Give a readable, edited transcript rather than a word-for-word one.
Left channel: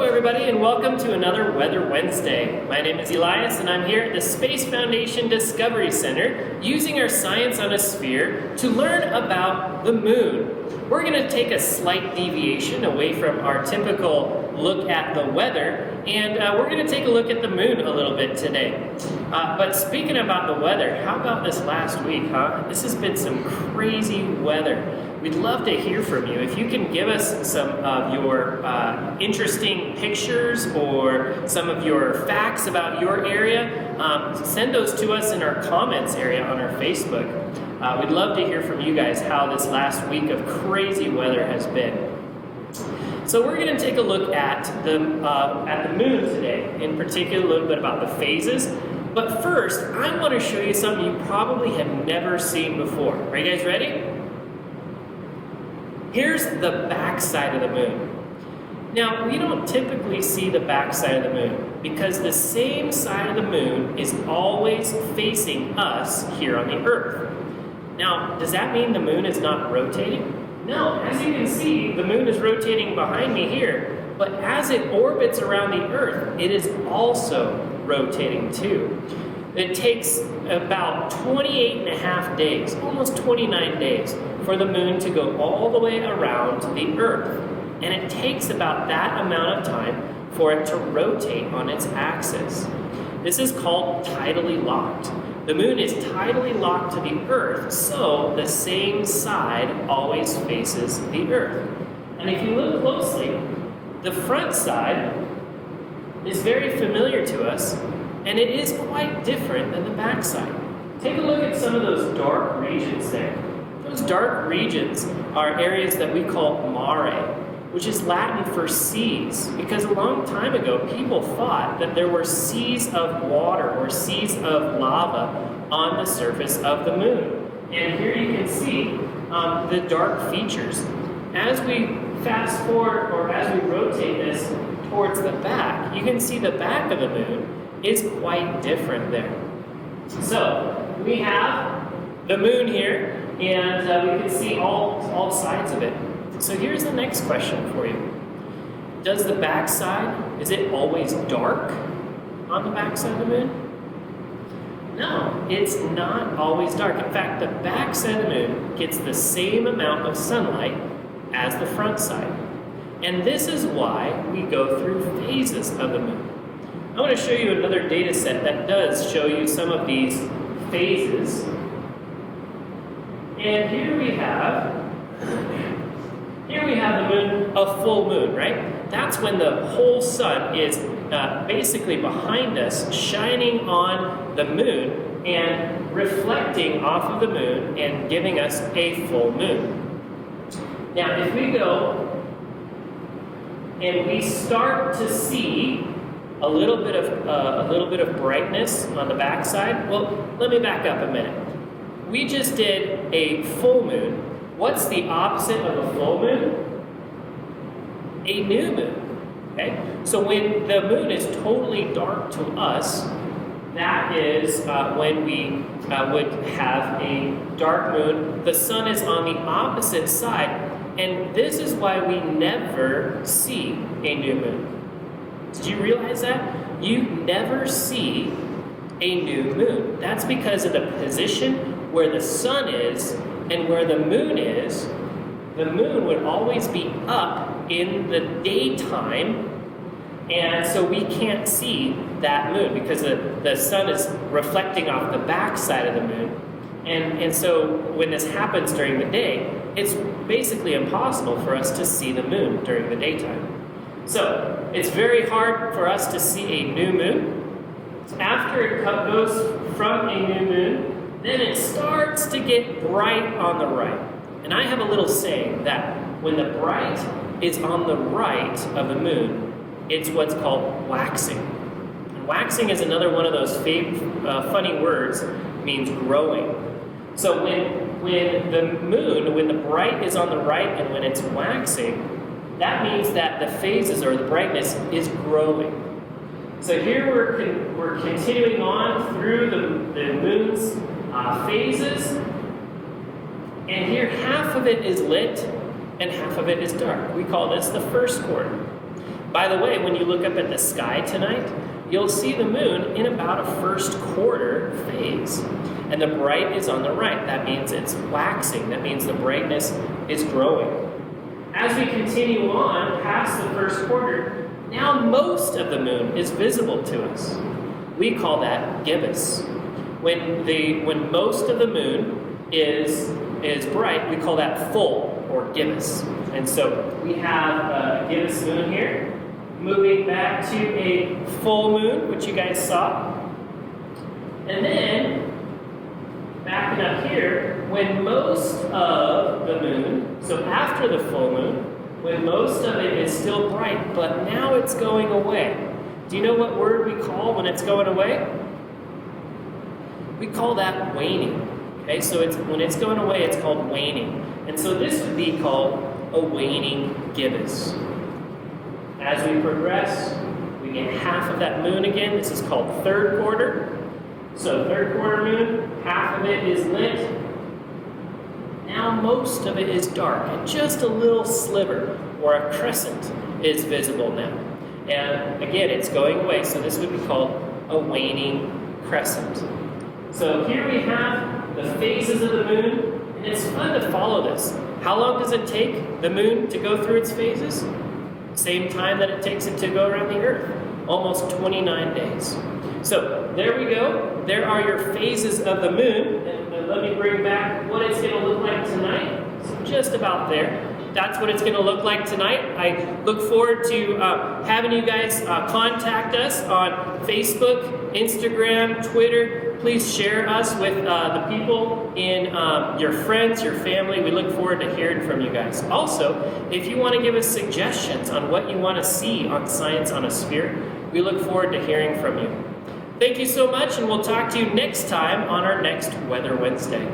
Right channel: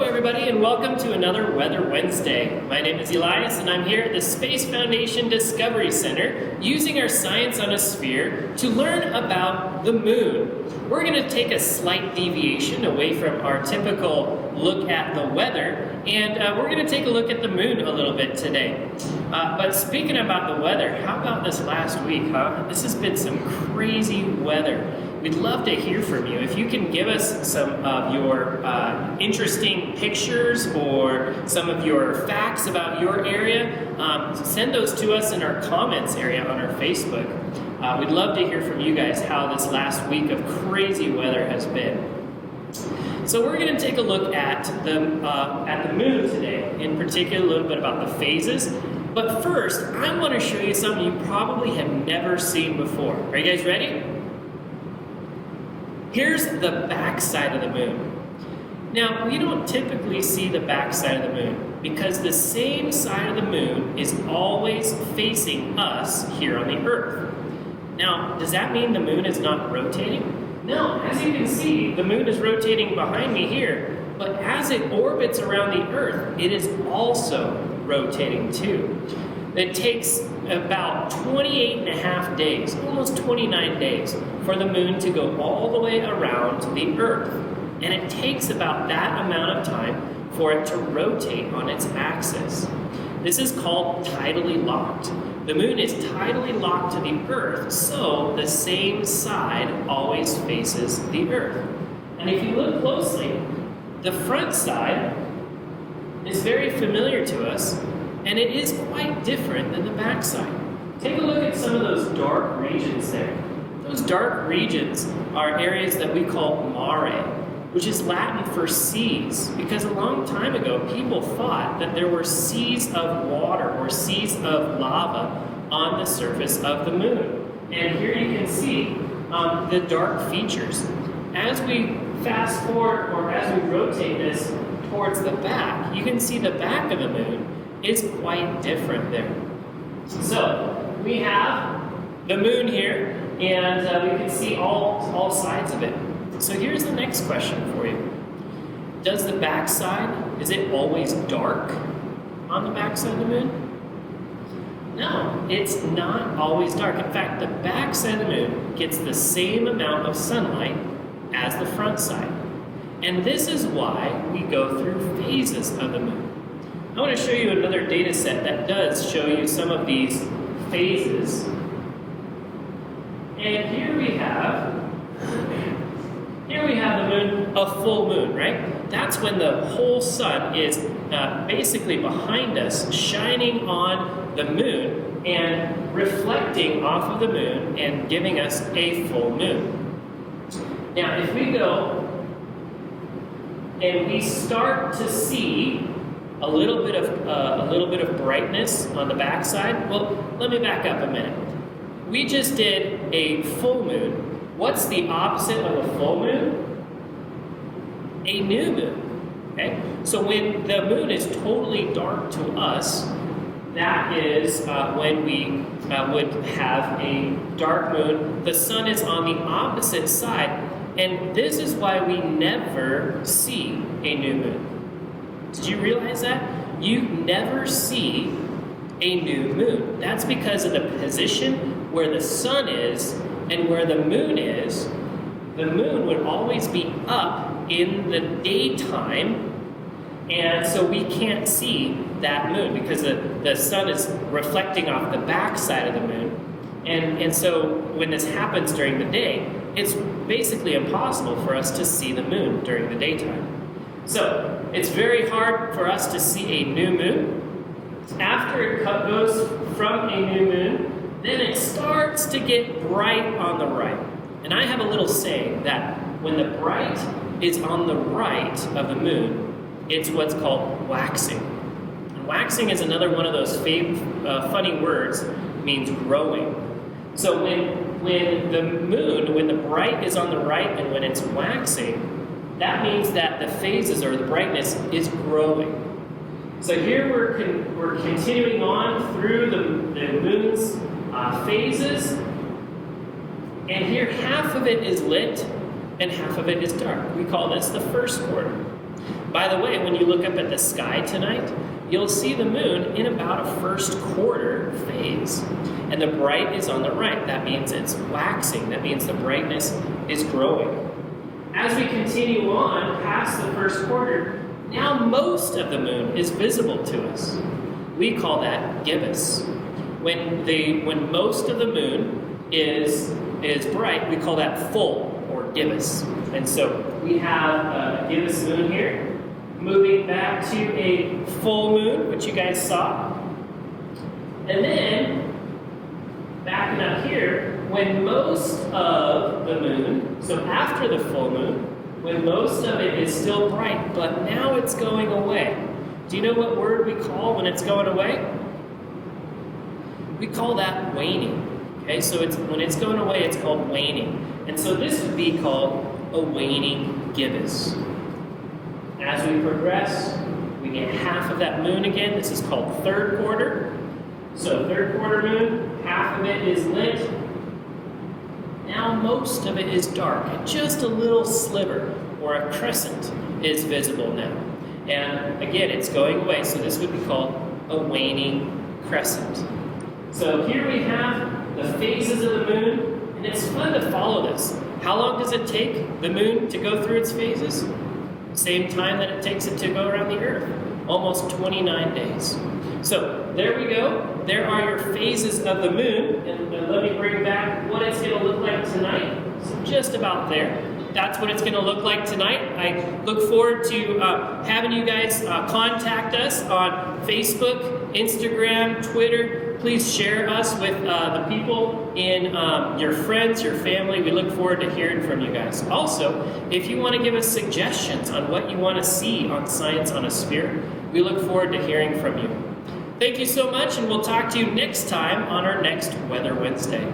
Hello everybody and welcome to another Weather Wednesday. My name is Elias and I'm here at the Space Foundation Discovery Center using our Science on a Sphere to learn about the moon. We're going to take a slight deviation away from our typical look at the weather and we're going to take a look at the moon a little bit today. But speaking about the weather, how about this last week, huh? This has been some crazy weather. We'd love to hear from you. If you can give us some of your interesting pictures or some of your facts about your area, send those to us in our comments area on our Facebook. We'd love to hear from you guys how this last week of crazy weather has been. So we're going to take a look at the moon today, in particular a little bit about the phases. But first, I want to show you something you probably have never seen before. Are you guys ready? Here's the back side of the moon. Now, we don't typically see the back side of the moon because the same side of the moon is always facing us here on the Earth. Now, does that mean the moon is not rotating? No, as you can see, the moon is rotating behind me here, but as it orbits around the Earth, it is also rotating too. It takes about 28 and a half days, almost 29 days, for the moon to go all the way around to the Earth. And it takes about that amount of time for it to rotate on its axis. This is called tidally locked. The moon is tidally locked to the Earth, so the same side always faces the Earth. And if you look closely, the front side is very familiar to us, and it is quite different than the back side. Take a look at some of those dark regions there. Those dark regions are areas that we call mare, which is Latin for seas, because a long time ago people thought that there were seas of water or seas of lava on the surface of the moon. And here you can see the dark features. As we fast forward, or as we rotate this towards the back, you can see the back of the moon is quite different there. So we have the moon here, and we can see all sides of it. So here's the next question for you. Does the back side, is it always dark on the back side of the moon? No, it's not always dark. In fact, the back side of the moon gets the same amount of sunlight as the front side. And this is why we go through phases of the moon. I want to show you another data set that does show you some of these phases. And here we have the moon, a full moon, right? That's when the whole sun is basically behind us, shining on the moon and reflecting off of the moon and giving us a full moon. Now, if we go and we start to see a little bit of brightness on the backside. Well, let me back up a minute. We just did a full moon. What's the opposite of a full moon? A new moon. Okay? So when the moon is totally dark to us, that is when we would have a dark moon. The sun is on the opposite side, and this is why we never see a new moon. Did you realize that? You never see a new moon. That's because of the position where the sun is and where the moon is. The moon would always be up in the daytime, and so we can't see that moon because the sun is reflecting off the back side of the moon. And so when this happens during the day, it's basically impossible for us to see the moon during the daytime. So, it's very hard for us to see a new moon. After it goes from a new moon, then it starts to get bright on the right. And I have a little saying that when the bright is on the right of the moon, it's what's called waxing. And waxing is another one of those funny words, it means growing. So when the bright is on the right and when it's waxing, that means that the phases or the brightness is growing. So here we're continuing on through the moon's phases, and here half of it is lit and half of it is dark. We call this the first quarter. By the way, when you look up at the sky tonight, you'll see the moon in about a first quarter phase. And the bright is on the right. That means it's waxing. That means the brightness is growing. As we continue on past the first quarter, now most of the moon is visible to us. We call that gibbous. When most of the moon is bright, we call that full or gibbous. And so we have a gibbous moon here. Moving back to a full moon, which you guys saw. And then, backing up here, when most of the moon, so after the full moon, when most of it is still bright, but now it's going away. Do you know what word we call when it's going away? We call that waning. Okay, so when it's going away, it's called waning. And so this would be called a waning gibbous. As we progress, we get half of that moon again. This is called third quarter. So third quarter moon, half of it is lit. Now most of it is dark. Just a little sliver or a crescent is visible now. And again, it's going away. So this would be called a waning crescent. So here we have the phases of the moon. And it's fun to follow this. How long does it take the moon to go through its phases? Same time that it takes it to go around the earth, almost 29 days. So there we go. There are your phases of the moon. And let me bring back what it's going to look like tonight. So just about there. That's what it's going to look like tonight. I look forward to having you guys contact us on Facebook, Instagram, Twitter. Please share us with the people in your friends, your family. We look forward to hearing from you guys. Also, if you want to give us suggestions on what you want to see on Science on a Spirit, we look forward to hearing from you. Thank you so much, and we'll talk to you next time on our next Weather Wednesday.